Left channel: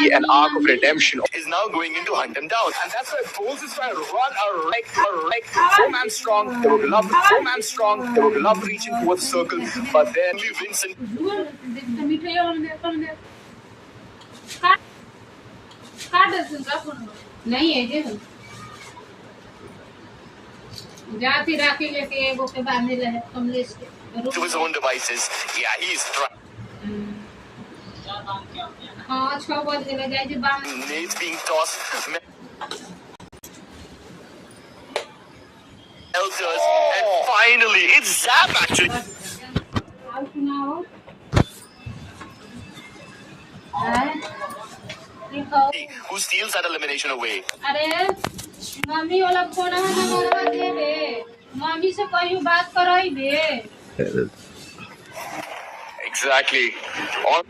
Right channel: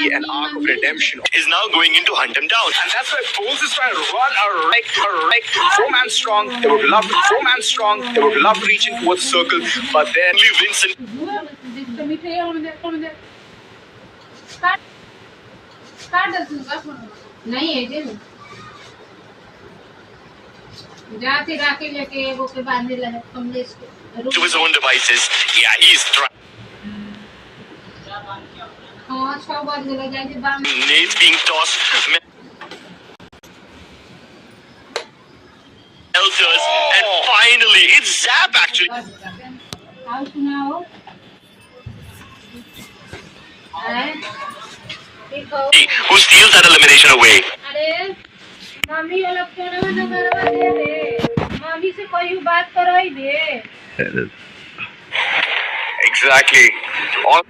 be an arc of redemption. Is now going in to hunt him down. And that's why Bulls is trying to run a 4-man strong. They would love 4-man strong. They would love reaching towards the circle, but then Vincent. To his own devices. Yeah, he's trying. Nate's being tossed. Elders, and finally, it's Zap actually. Who steals that elimination away? Exactly. All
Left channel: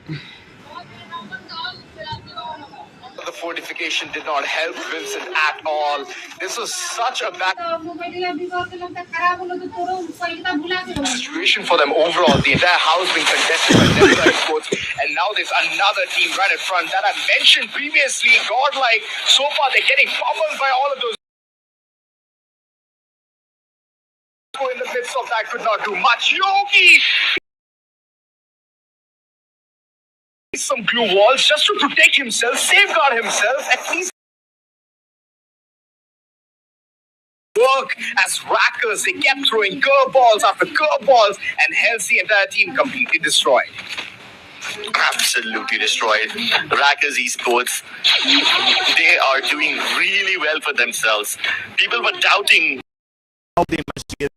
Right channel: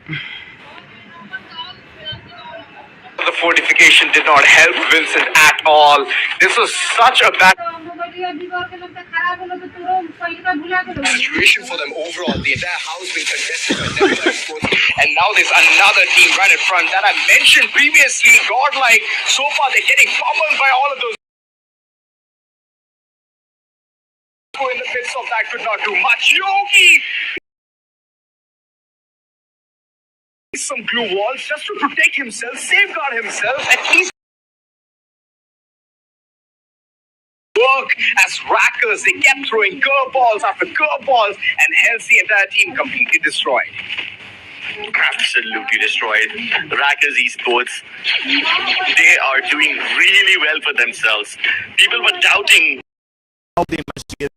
the fortification did not help Vincent at all. This was such a bad situation for them overall. The entire house being contested by Denver Sports, and now there's another team right in front that I mentioned previously. Godlike, so far they're getting pummeled by all of those. In the midst of that, could not do much. Yogi! Some glue walls just to protect himself, safeguard himself, at least work as rackers. They kept throwing curveballs after curveballs, and hence the entire team completely destroyed. Absolutely destroyed. Rackers Esports, they are doing really well for themselves. People were doubting how they must get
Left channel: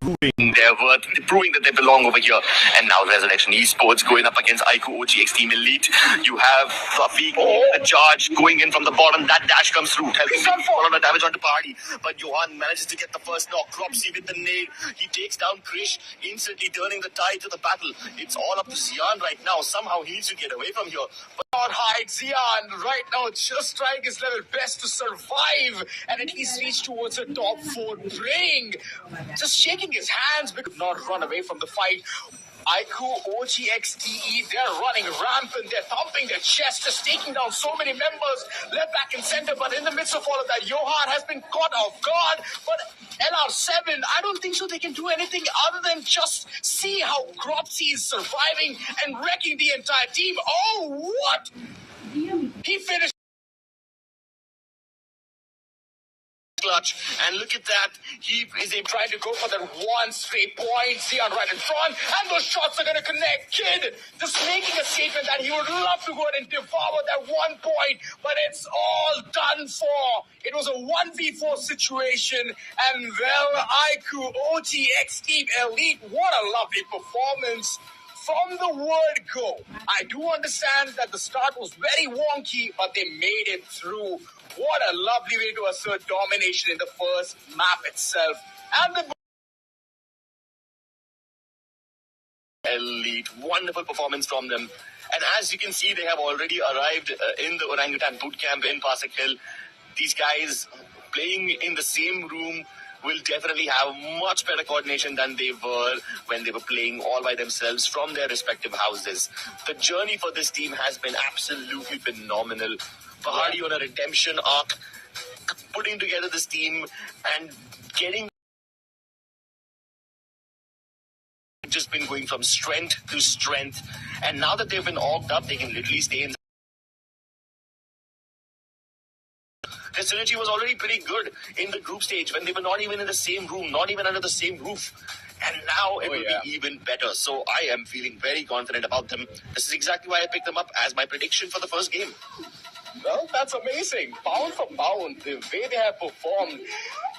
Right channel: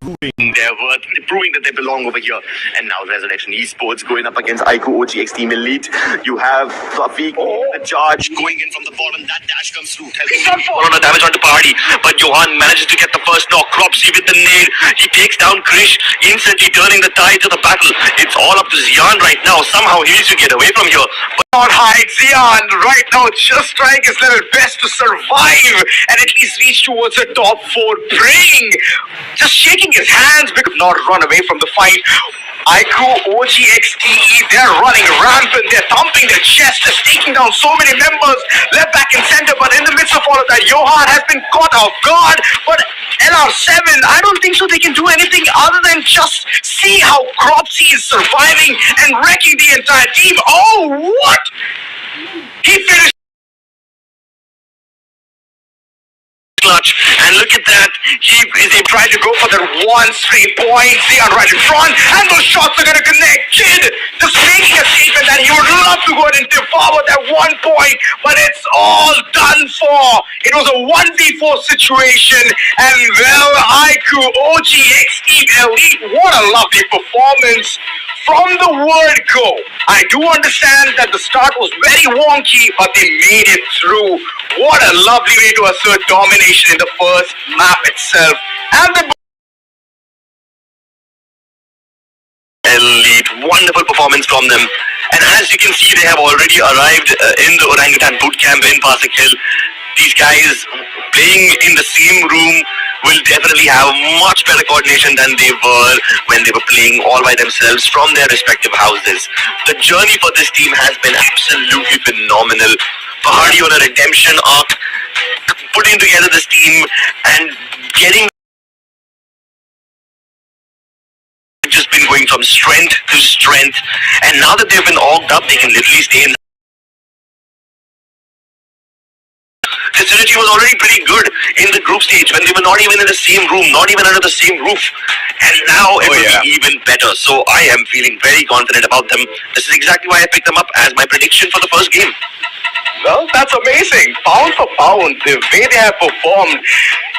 proving their worth, proving that they belong over here. And now Resurrection Esports going up against Aiku OGX Team Elite. You have Rafiq, the charge going in from the bottom. That dash comes through, helping on a damage onto Party. But Johan manages to get the first knock. Cropsy with the nade. He takes down Krish, instantly turning the tide to the battle. It's all up to Zion right now. Somehow he needs to get away from here. But not hide. Zion right now just trying his level best to survive and at least reach towards the top 4, praying, just shaking his hands, but could not run away from the fight. Aiku, OGXTE, they're running rampant, they're thumping their chest, just taking down so many members, left, back and center, but in the midst of all of that, Johan has been caught off guard, but LR7, I don't think so they can do anything other than just see how Cropsy is surviving and wrecking the entire team. Oh, what? He finished clutch, and look at that, he is trying to go for that one straight point. Zion right in front, and those shots are going to connect. Kid just making a statement that he would love to go ahead and devour that 1 point, but it's all done for. It was a 1v4 situation, and well, Aiku OGX Team Elite, what a lovely performance from the word go. I do understand that the start was very wonky, but they made it through. What a lovely way to assert domination in the first map itself. And the Elite, wonderful performance from them. And as you can see, they have already arrived in the Orangutan Bootcamp in Pasik Hill. These guys playing in the same room will definitely have much better coordination than they were when they were playing all by themselves from their respective houses. The journey for this team has been absolutely phenomenal. Pahadi on a redemption arc, putting together this team and getting just been going from strength to strength, and now that they've been orged up, they can literally stay in. The synergy was already pretty good in the group stage when they were not even in the same room, not even under the same roof. And now it will be even better. So I am feeling very confident about them. This is exactly why I picked them up as my prediction for the first game. Well, that's amazing. Pound for pound, the way they have performed.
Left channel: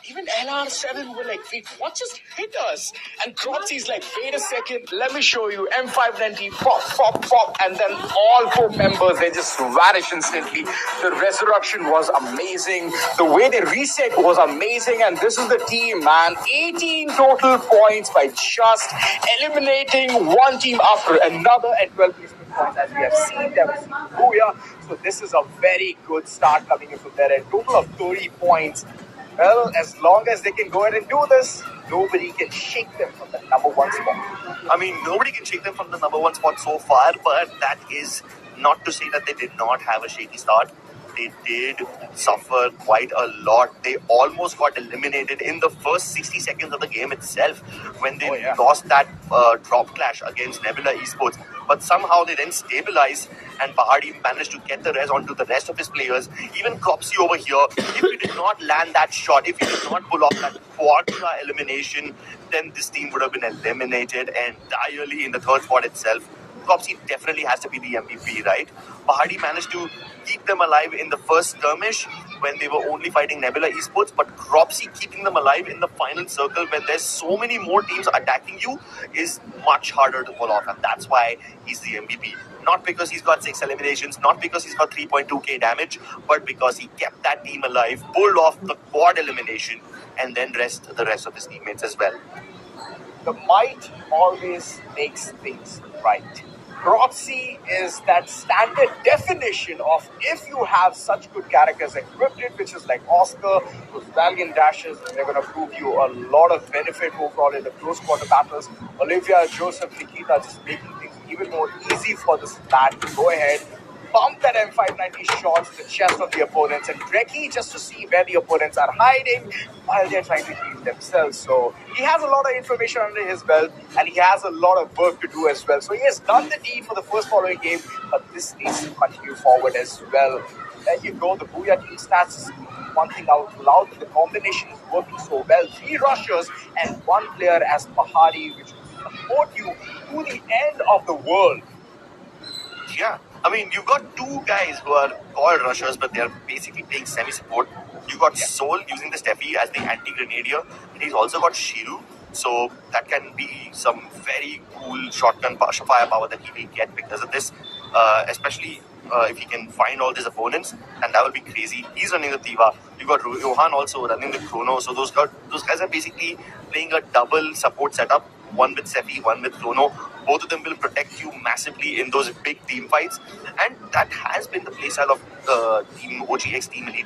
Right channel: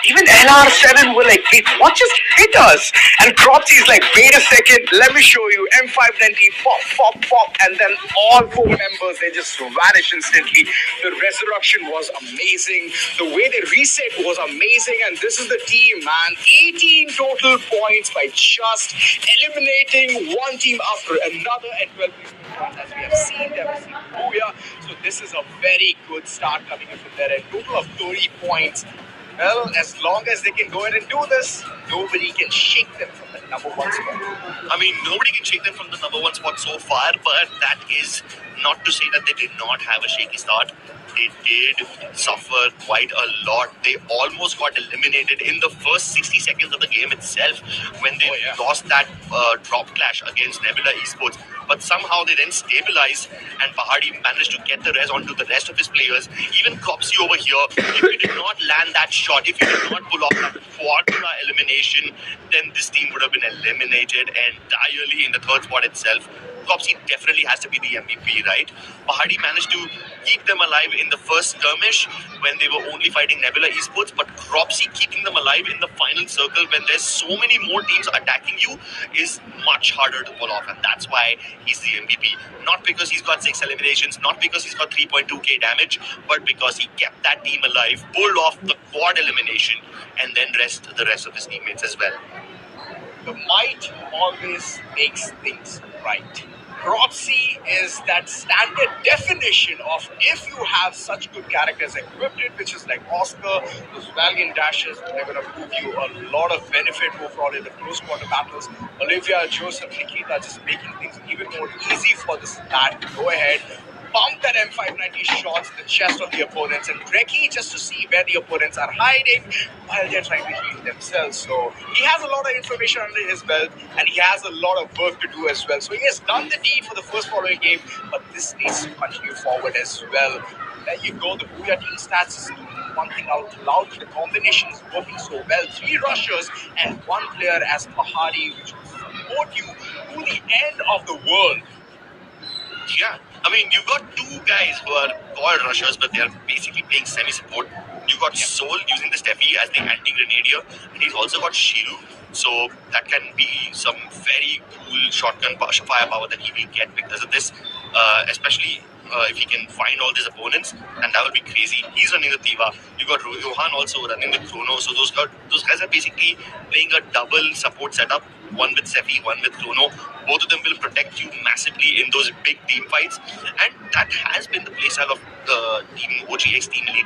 Even LR7 were like, wait, what just hit us? And Cropsy is like, wait a second, let me show you. M590, pop, pop, pop. And then all 4 members, they just vanish instantly. The resurrection was amazing. The way they reset was amazing. And this is the team, man. 18 total points by just eliminating one team after another and 12 points as we have seen them. Booyah. So this is a very good start coming in from there. A total of 30 points. Well, as long as they can go ahead and do this, nobody can shake them from the number 1 spot. I mean, nobody can shake them from the number 1 spot so far, but that is Not to say that they did not have a shaky start. They did suffer quite a lot. They almost got eliminated in the first 60 seconds of the game itself when they lost that drop clash against Nebula Esports. But somehow they then stabilized, and Pahadi managed to get the res onto the rest of his players. Even Cropsy over here, if he did not land that shot, if he did not pull off that quadra elimination, then this team would have been eliminated entirely in the third spot itself. Cropsy definitely has to be the MVP, right? Pahadi managed to keep them alive in the first skirmish when they were only fighting Nebula Esports, but Cropsy keeping them alive in the final circle when there's so many more teams attacking you is much harder to pull off, and that's why he's the MVP. Not because he's got 6 eliminations, not because he's got 3.2k damage, but because he kept that team alive, pulled off the quad elimination, and then the rest of his teammates as well. The might always makes things right. Cropsy is that standard definition of if you have such good characters equipped it, which is like Oscar, those valiant dashes, they're going to prove you a lot of benefit overall in the close quarter battles. Olivia, Joseph, Nikita just making things even more easy for this lad to go ahead, pump that M590 shots in the chest of the opponents, and Dreki just to see where the opponents are hiding while they're trying to heal themselves. So he has a lot of information under his belt, and he has a lot of work to do as well. So he has done the deed for the first following game, but this needs to continue forward as well. There you go, the Booyah team stats is one thing out loud. The combination is working so well. 3 rushers and 1 player as Pahadi, which will support you to the end of the world. Yeah, I mean, you've got 2 guys who are called rushers, but they're basically playing semi-support. You've got Soul using the Steffi as the anti-grenadier, and he's also got Shiru, so that can be some very cool shotgun firepower that he will get because of this, especially if he can find all these opponents, and that will be crazy. He's running the Tiva. You got Johan also running the Chrono, so those guys are basically playing a double support setup, one with Sefi, one with Chrono. Both of them will protect you massively in those big team fights, and that has been the playstyle of Team OGX Team Elite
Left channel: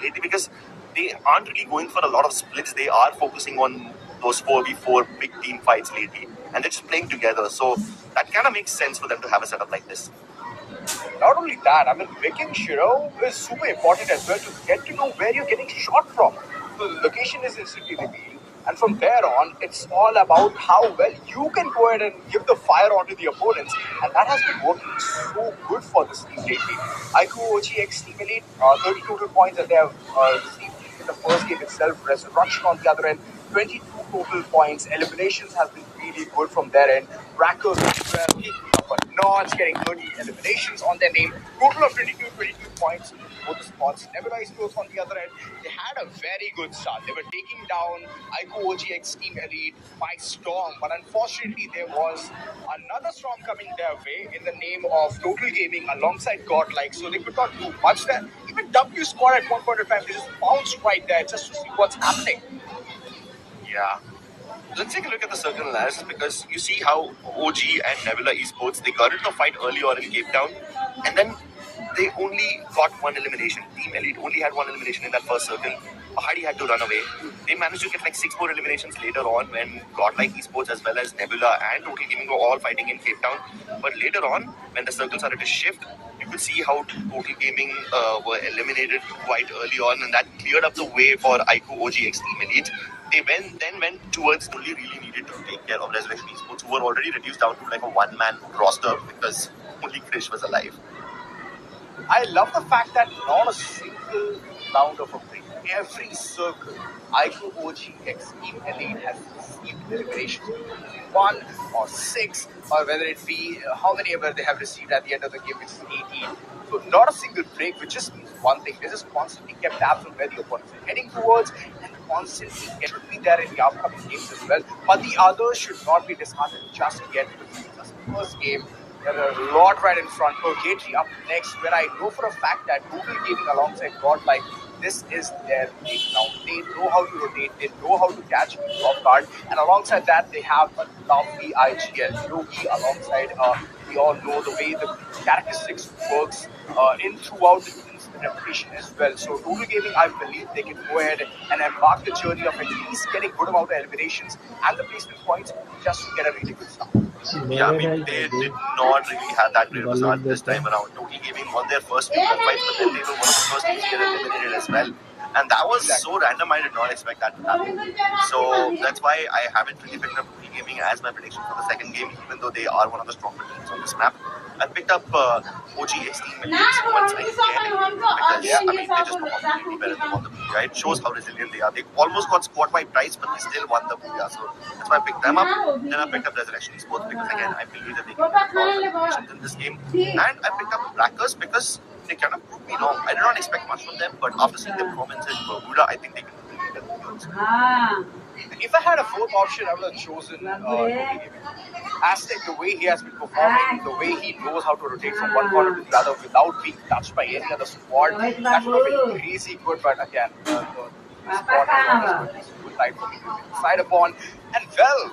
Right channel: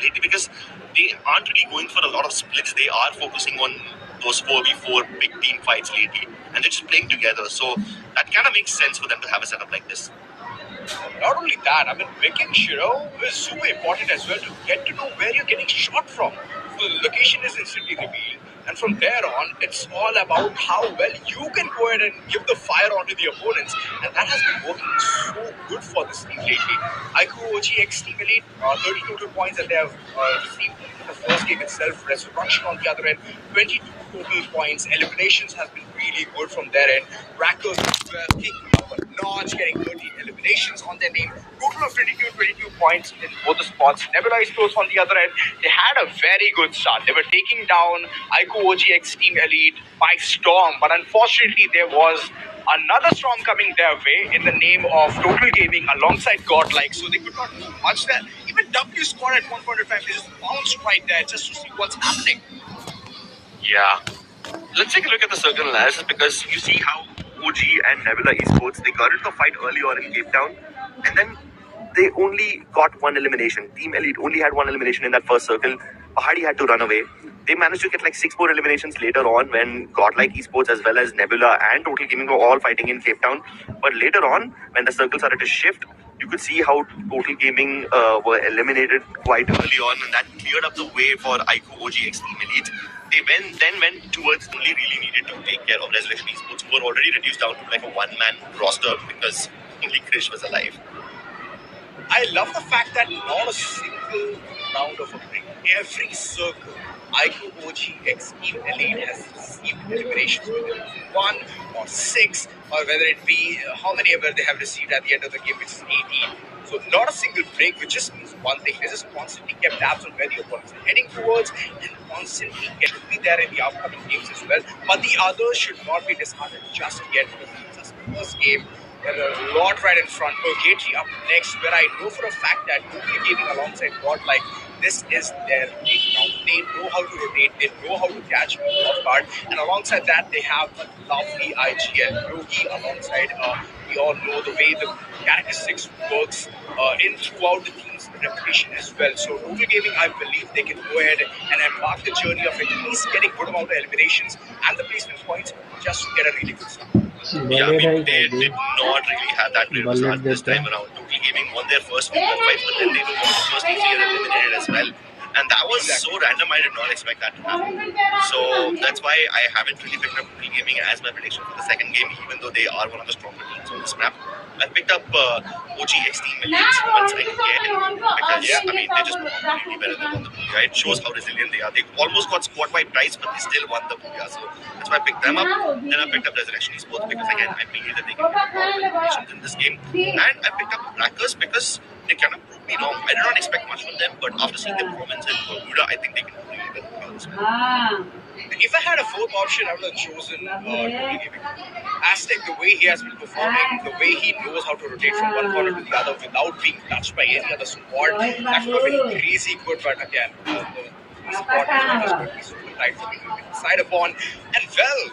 lately, because they aren't really going for a lot of splits. They are focusing on those 4v4 big team fights lately, and they're just playing together. So that kind of makes sense for them to have a setup like this. Not only that, I mean, picking Shiro is super important as well to get to know where you're getting shot from. The location is instantly revealed, and from there on, it's all about how well you can go ahead and give the fire onto the opponents, and that has been working so good for this team lately. Aiku OGX Team Elite, 30 total points that they have received in the first game itself. Resurrection on the other end, 22 total points. Eliminations has been really good from their end. Rackers as well, kicking up a notch, getting 30 eliminations on their name. Total of 22 points in both the spots. Nebula Esports on the other end, they had a very good start. They were taking down Aiku OGX Team Elite by storm, but unfortunately there was another storm coming their way in the name of Total Gaming alongside Godlike, so they could not do much there. Even W Squad at one point in time, they just bounced right there just to see what's happening. Yeah. Let's take a look at the circle analysis, because you see how OG and Nebula Esports, they got into the fight early on in Cape Town, and then they only got 1 elimination. Team Elite only had 1 elimination in that first circle. Pahadi had to run away. They managed to get like 6 more eliminations later on when Godlike Esports as well as Nebula and Total Gaming were all fighting in Cape Town. But later on, when the circle started to shift, you could see how Total Gaming were eliminated quite early on, and that cleared up the way for Aiku OGX Team Elite. They then went towards only really needed to take care of Resurrection Esports, who were already reduced down to like a 1-man roster because only Krish was alive. I love the fact that not a single round of a break, every circle, Aiku OGX Team Elite has received eliminations, whether it be 1 or 6, or whether it be how many ever they have received at the end of the game, which is 18. So not a single break, which just means one thing. They just constantly kept tabs on where the opponents are heading towards, and constantly should be there in the upcoming games as well. But the others should not be disheartened just yet, because it's just the first game. There are a lot right in front. Purgatory up next, where I know for a fact that Total Gaming alongside Godlike, this is their playground. They know how to rotate, they know how to catch people off guard, and alongside that, they have a lovely IGL. Yogi alongside, we all know the way the characteristics works in throughout the team's reputation as well. So Total Gaming, I believe they can go ahead and embark the journey of at least getting good amount of eliminations and the placement points just to get a really good start. Yeah, I mean, they did not really have that great of a start this time around. Total Gaming won their first two fights, but then they were one of the first teams to get eliminated as well. And that was so random, I did not expect that to happen. So that's why I haven't really picked up Total Gaming as my prediction for the second game, even though they are one of the stronger teams on this map. I picked up OGX Team Millions once again because, I mean, they just performed really well and they won the Booyah. It shows how resilient they are. They almost got squad wiped twice, but they still won the Booyah. So that's why I picked them up. Then I picked up Resurrection Esports because, again, I believe that they can get a lot of eliminations in this game. And I picked up Rackers because they kind of proved me wrong. I did not expect much from them, but after seeing their performance in Bermuda, I think they can do really well. If I had a fourth option, I would have chosen Total Gaming. Aztec, the way he has been performing, the way he knows how to rotate from one corner to the other without being touched by any other squad, that would have been crazy good. But again, the squad is always going to be super tight for me to decide upon. And well,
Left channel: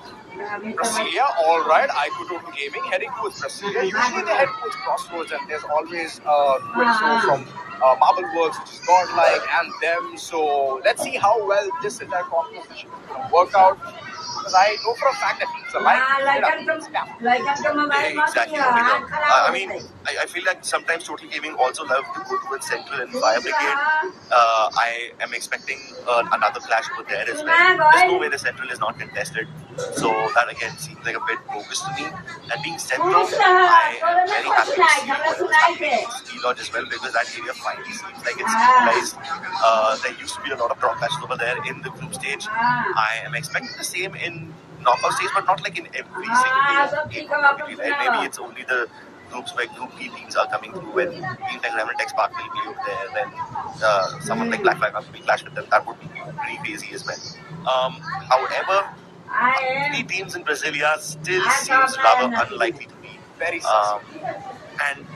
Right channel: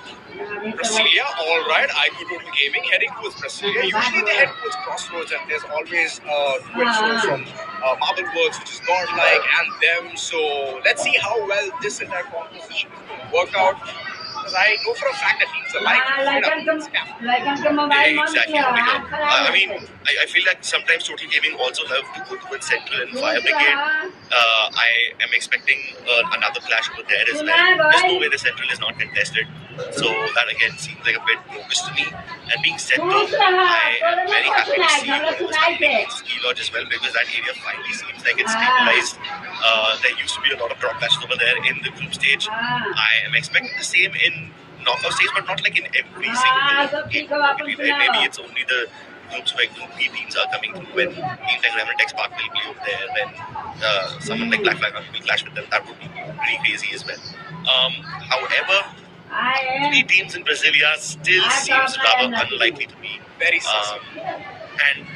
Brasilia, all right, I go Total Gaming, heading towards Brasilia. Usually they head towards Crossroads, and there's always to and fro from Marble Works, which is godlike, and them. So let's see how well this entire composition is going to work out. Because I know for a fact that teams are like exactly. I mean, I feel like sometimes Total Gaming also love to go towards Central and Fire Brigade. I am expecting another clash over there as well. There's no way the Central is not contested. So that again seems like a bit bogus to me. And being Central, I am very happy to see whatever's happening in Ski Lodge as well because that area finally seems like it's stabilized. There used to be a lot of drop clashes over there in the group stage. I am expecting the same in knockout stage, but not like in every single game. Right? Maybe it's only the groups where Group B teams are coming through when teams like Revenant X Park will play over there, when someone like Black Flag will clash with them. That would be pretty crazy as well. However, 3 teams in Brasilia still seems rather unlikely to me. Very and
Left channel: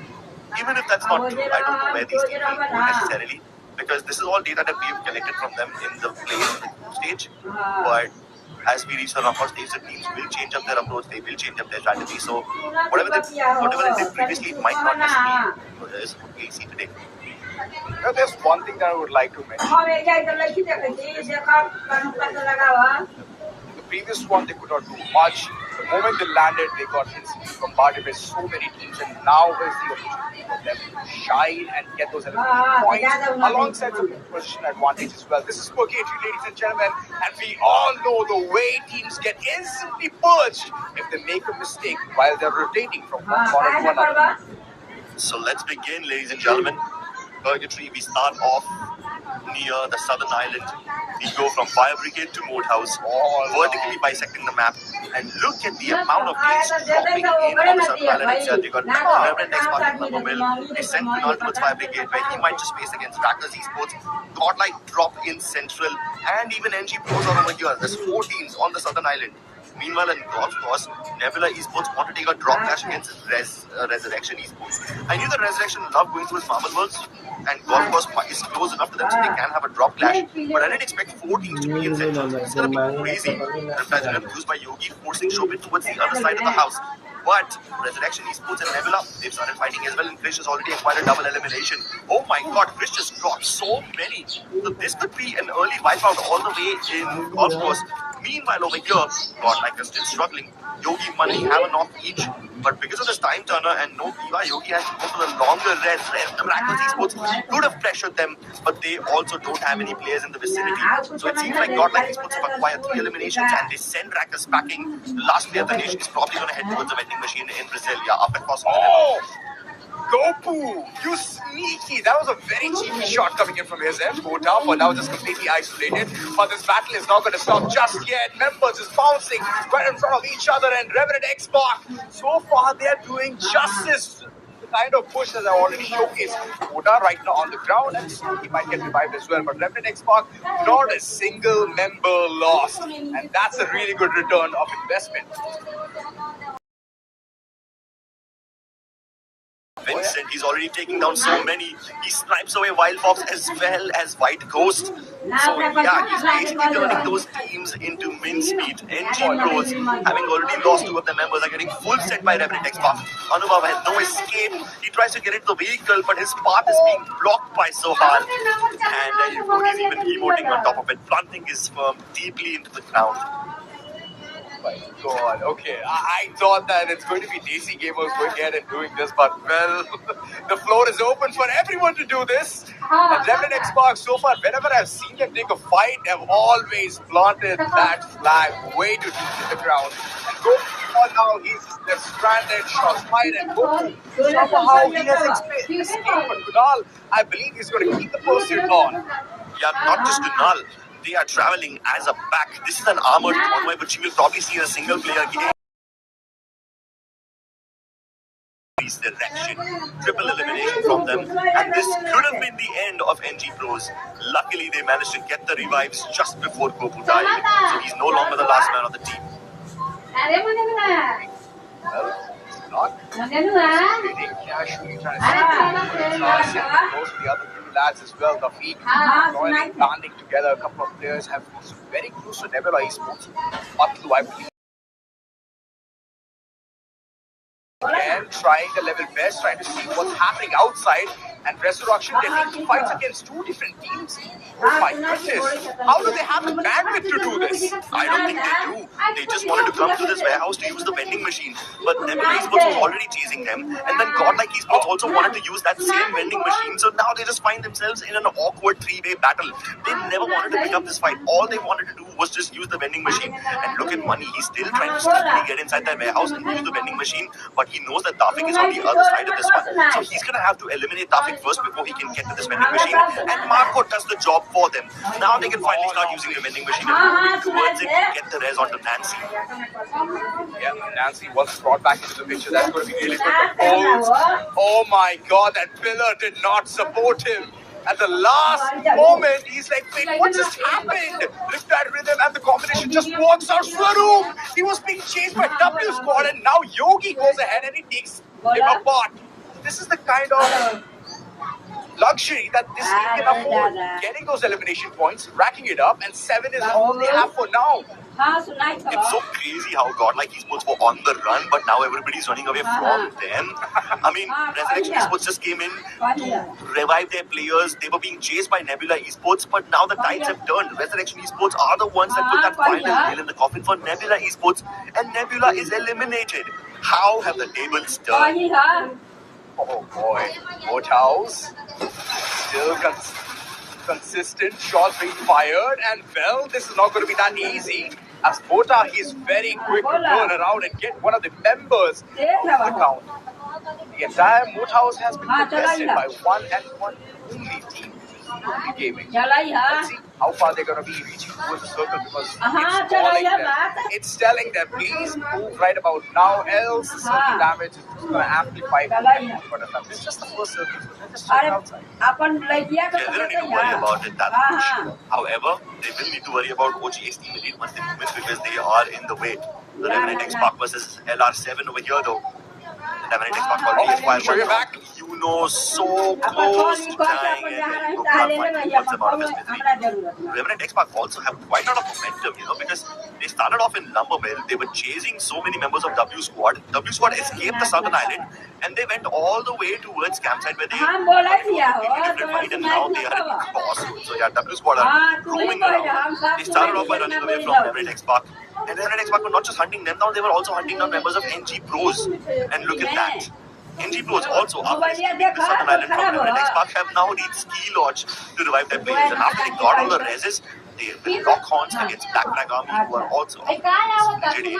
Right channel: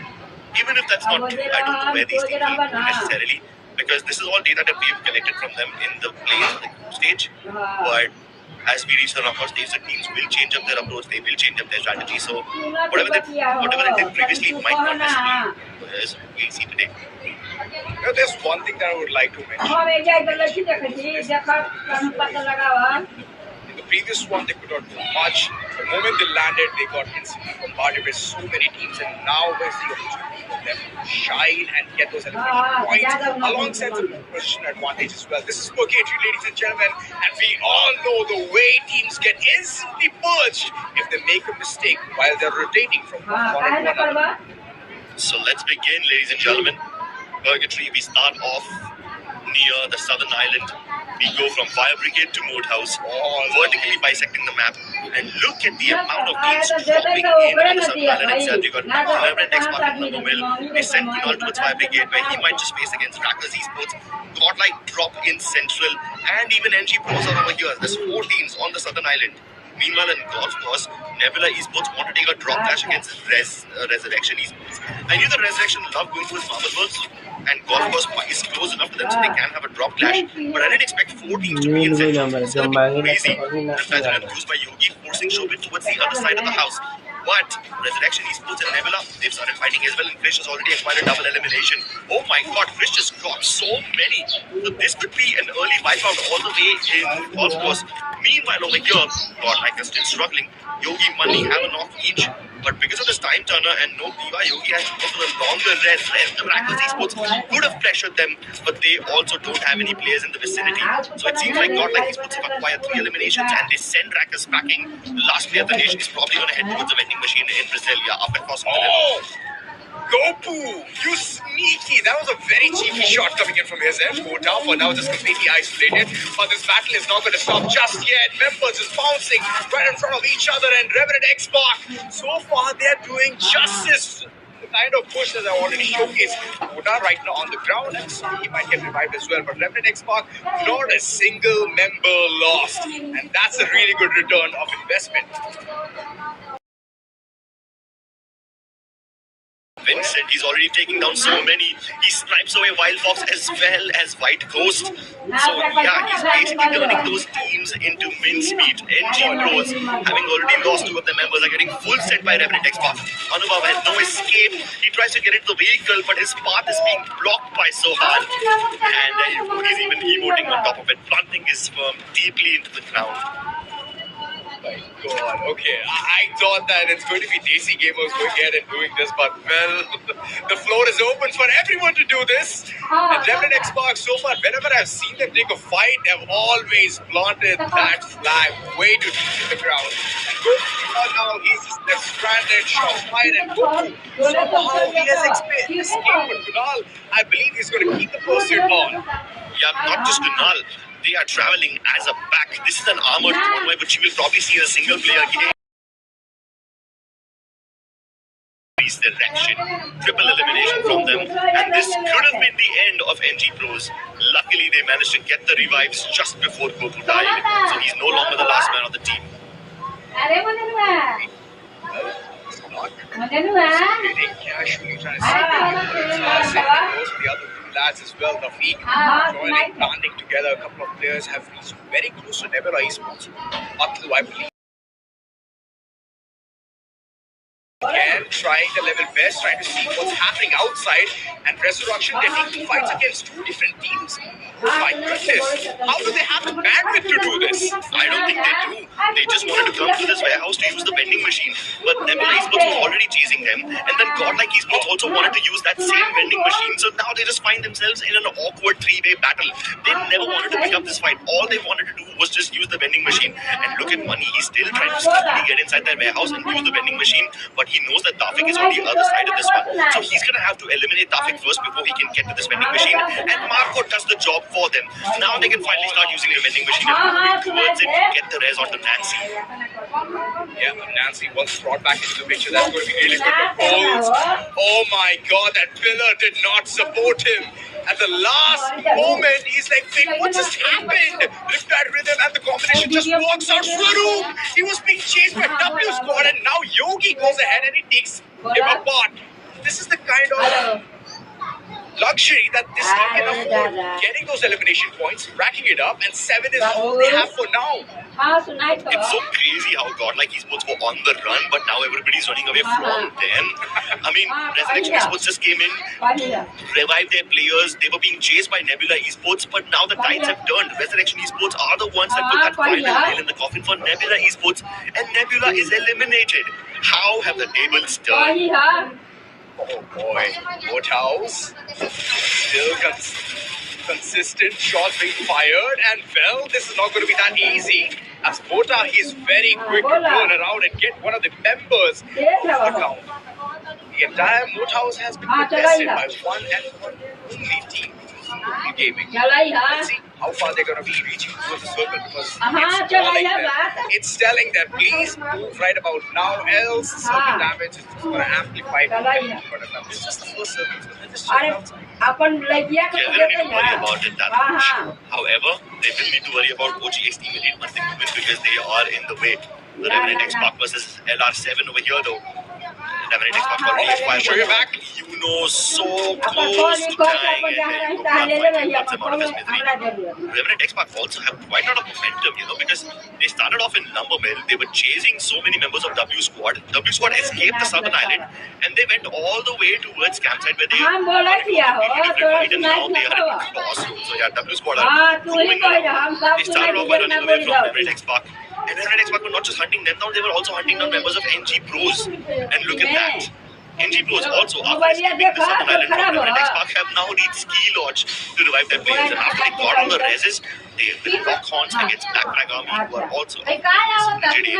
even if that's not true, I don't know where these teams will go necessarily because this is all data that we've collected from them in the play in the group stage. But as we reach the knockout stage, the teams will change up their approach, they will change up their strategy. So whatever they did previously might not necessarily is what we'll see today. You know, there's one thing that I would like to mention. In the previous one, they could not do much. The moment they landed, they got instantly bombarded by so many teams, and now is the opportunity for them to shine and get those elimination points alongside the position advantage as well. This is Purgatory, ladies and gentlemen, and we all know the way teams get instantly purged if they make a mistake while they're rotating from one corner to another. So let's begin, ladies and gentlemen. Purgatory, we start off near the southern island. We go from Fire Brigade to Moat House, vertically bisecting the map. And look at the amount of teams dropping in on the southern island itself. You got Reverend X Park and Mill. They sent Kunal towards Fire Brigade, where he might just face against Rackers Esports. Godlike drop in Central, and even NG Pros are over here. There's 4 teams on the southern island. Meanwhile, in golf course, Nebula Esports want to take a drop clash against Resurrection Esports. I knew that Resurrection loved going towards Marble Works, and golf course is close enough to them so they can have a drop clash. But I didn't expect 4 teams to be in Central. It's going to be crazy. Reptiles used by Yogi, forcing Shobit towards the other side of the house. But Resurrection Esports and Nebula, they've started fighting as well, and Krish has already acquired a double elimination. Oh my god, Krish just dropped so many. So this could be an early wipeout all the way in golf course. Meanwhile, over here, Godlike is still struggling. Yogi, Money have a knock each, but because of this time turner and no Diva, Yogi has to go for the longer res. The Rackers Esports could have pressured them, but they also don't have any players in the vicinity. So it seems like Godlike Esports have acquired 3 eliminations and they send Rackers packing. The last player of the nation is probably going to head towards the vending machine in Brasilia up at crossing the river. Gopu, you sneaky! That was a very cheeky shot coming in from his end. Kota for now just completely isolated. But this battle is not going to stop just yet. Members is bouncing right in front of each other, and Revenant X Park. So far, they're doing justice. The kind of push that I already showcased. Kota right now on the ground, and so he might get revived as well. But Revenant X Park, not a single member lost. And that's a really good return of investment. Vincent, he's already taking down so many. He snipes away Wild Fox as well as White Ghost. So yeah, he's basically turning those teams into mincemeat. NG Pros, having already lost 2 of their members, are getting full set by Revenant X Park. Anubhav has no escape. He tries to get into the vehicle, but his path is being blocked by Sohan. And he's even emoting on top of it, planting his firm deeply into the ground. my god. Okay, I thought that it's going to be Desi Gamers going ahead and doing this, but well, the floor is open for everyone to do this. And Remnant Xbox, so far, whenever I've seen them take a fight, they've always planted that flag way too deep in the ground. And Goku, now they're stranded, shot fired, and Goku, somehow he has escaped. But Kunal, I believe he's going to keep the pursuit on. Yeah, not just Kunal. They are traveling as a pack. This is an armored convoy, but you will probably see a single player game. Direction, triple elimination from them, and this could have been the end of NG Pros. Luckily, they managed to get the revives just before Goku died, so he's no longer the last man on the team. Well, it's not really casually trying to see the other two lads as well. The feet joining, banding together. A couple of players have reached very close to Nebula Esports. Matlu, I believe. Again, trying the level best, trying to see what's happening outside, and Resurrection getting fights against two different teams. Oh my goodness, how do they have the bandwidth to do this? I don't think they do. They just wanted to come to this warehouse to use the vending machine, but Nebula Esports was already chasing them, and then Godlike Esports also wanted to use that same vending machine, so now they just find themselves in an awkward three-way battle. They never wanted to pick up this fight. All they wanted to do was just use the vending machine. And look at Money, he's still trying to sneakily get inside that warehouse and use the vending machine, but he knows that Tafik is on the other side of this one. So he's going to have to eliminate Tafik first before he can get to this vending machine. And Marco does the job for them. Now they can finally start using the vending machine and move towards it and get the res onto Nancy. Yeah, Nancy once brought back into the picture. That's going to be really good for Bowles. Oh my god, that pillar did not support him. At the last moment, he's like, wait, what just happened? Riptide Rhythm and the combination just walks out. Swaroop! He was being chased by W Squad, and now Yogi goes ahead and he takes him apart. This is the kind of luxury that this team can afford. Getting those elimination points, racking it up, and 7 is all they have for now. It's so crazy how Godlike Esports were on the run, but now everybody's running away from them. I mean, Resurrection Esports just came in to revive their players. They were being chased by Nebula Esports, but now the tides have turned. Resurrection Esports are the ones that put that final nail in the coffin for Nebula Esports, and Nebula is eliminated. How have the tables turned? Oh boy, Woodhouse still consistent shots being fired, and well, this is not going to be that easy. As Bota, he's very quick to turn around and get one of the members of the count. The entire Moathouse has been contested by one and one only team, Google Gaming. Let's see how far they're going to be reaching towards the circle, because it's calling them. It's telling them, please move right about now, else the circle damage is going to amplify. But it's just the first circle, so they're just checking outside. Yeah, they don't need to worry about it that much. However, they will need to worry about OGX Team Elite once they move in, because they are in the way. The Revenant X-Pac versus LR7 over here though. Revenant X-Pac already F5. Show you back. You know, so close to dying, and there you go. Finally wants him out of his misery. Revenant X-Pac also have quite a lot of momentum, you know, because they started off in Lumbermill. They were chasing so many members of W Squad. W Squad escaped the southern island, and they went all the way towards campsite where they wanted to completely different fight, and now they are in Crossroads. So yeah, W Squad are roaming around. They started off by running away from Revenant X-Pac. And Revenant X-Pac were not just hunting them down, they were also hunting down members of NG Pros. And look at that. NG Pros also, after escaping the southern island from Revenant X-Pac, have now reached Ski Lodge to revive their players. And after they got all the reses, they will lock horns against Black Flag Army, who are also in this rigid area.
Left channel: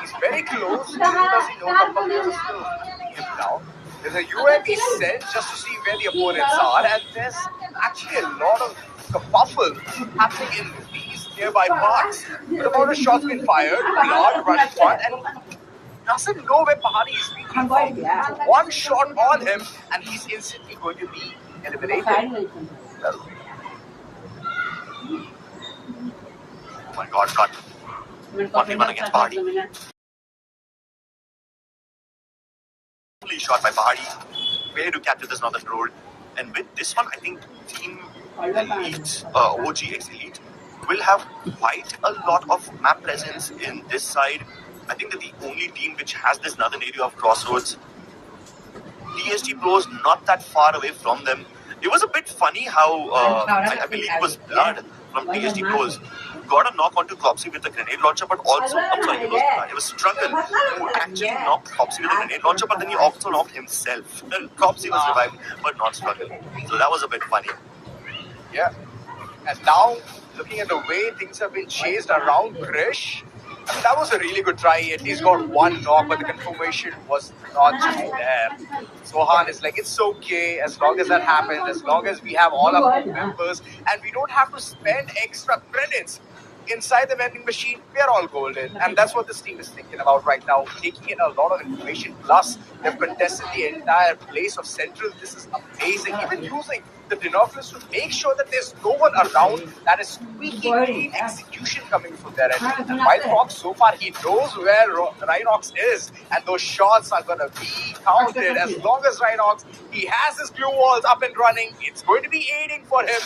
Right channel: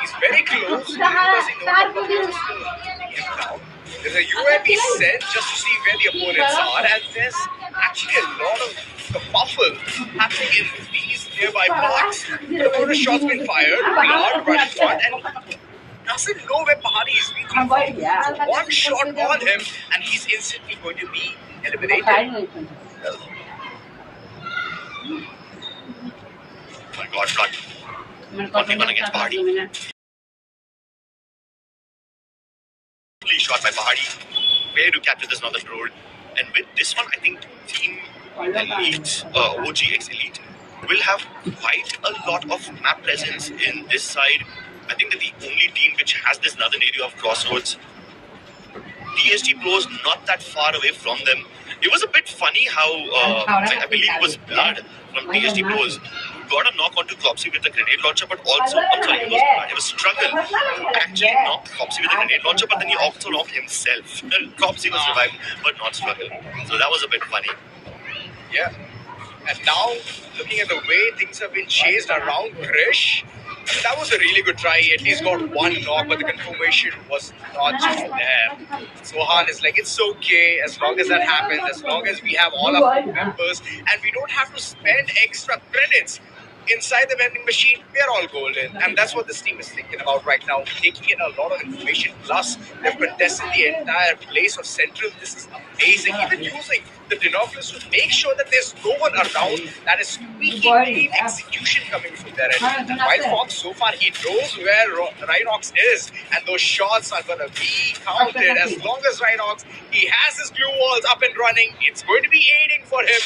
He's very close. He doesn't know a couple of players are still hunting him down. There's a UAV sent just to see where the opponents are, and there's actually a lot of kerfuffle happening in these nearby parks. The amount of shots been fired, blood rush front, and doesn't know where Pahari is being from. So one shot on him, and he's instantly going to be eliminated. Oh my god, blood. 1v1 against Pahari. Shot by Pahari. Way to capture this northern road. And with this one, I think Team Elite, OGX Elite, will have quite a lot of map presence in this side. I think they're the only team which has this northern area of Crossroads. TSG Pros not that far away from them. It was a bit funny how, I believe it was Blood from TSG Pros, got a knock onto Cropsy with a grenade launcher, but also, I'm sorry, it was Struggle who actually knocked Cropsy with a grenade launcher, but then he also knocked himself. Cropsy was revived, but not Struggle. So that was a bit funny. Yeah. And now, looking at the way things have been chased around Krish, I mean, that was a really good try. He at least got one knock, but the confirmation was not just there. Sohan is like, it's okay as long as that happens, as long as we have all our members and we don't have to spend extra credits inside the vending machine, we are all golden. And that's what this team is thinking about right now, taking in a lot of information. Plus, they've contested the entire place of Central. This is amazing. Even using the binoculars to make sure that there's no one around that is squeaky clean execution coming from their end. And while Fox, so far, he knows where Rhinox is, and those shots are going to be counted. As long as Rhinox, he has his glue walls up and running, it's going to be aiding for him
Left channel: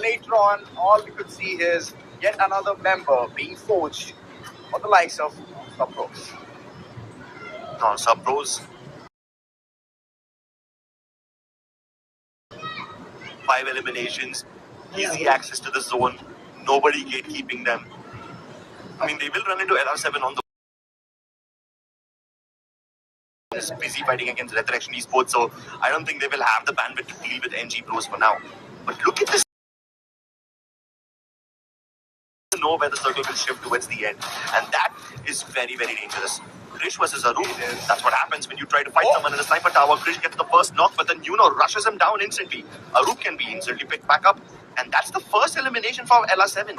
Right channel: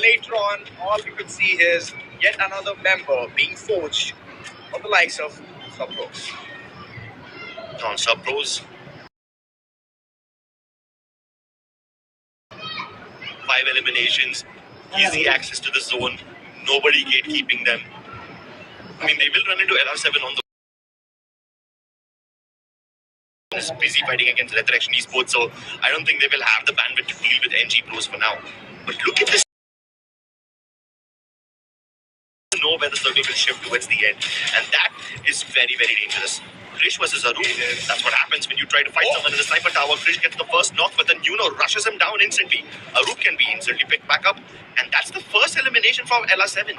later on. All we could see is yet another member being forged on the likes of Subpros. On Subpros, 5 eliminations, easy access to the zone, nobody gatekeeping them. I mean, they will run into LR7 on the busy fighting against Resurrection Esports, so I don't think they will have the bandwidth to deal with NG Pros for now. But look at this. Know where the circle will shift towards the end, and that is very, very dangerous. Krish versus Arup, that's what happens when you try to fight someone in a sniper tower. Krish gets the first knock, but then rushes him down instantly. Arup can be instantly picked back up, and that's the first elimination for LR7.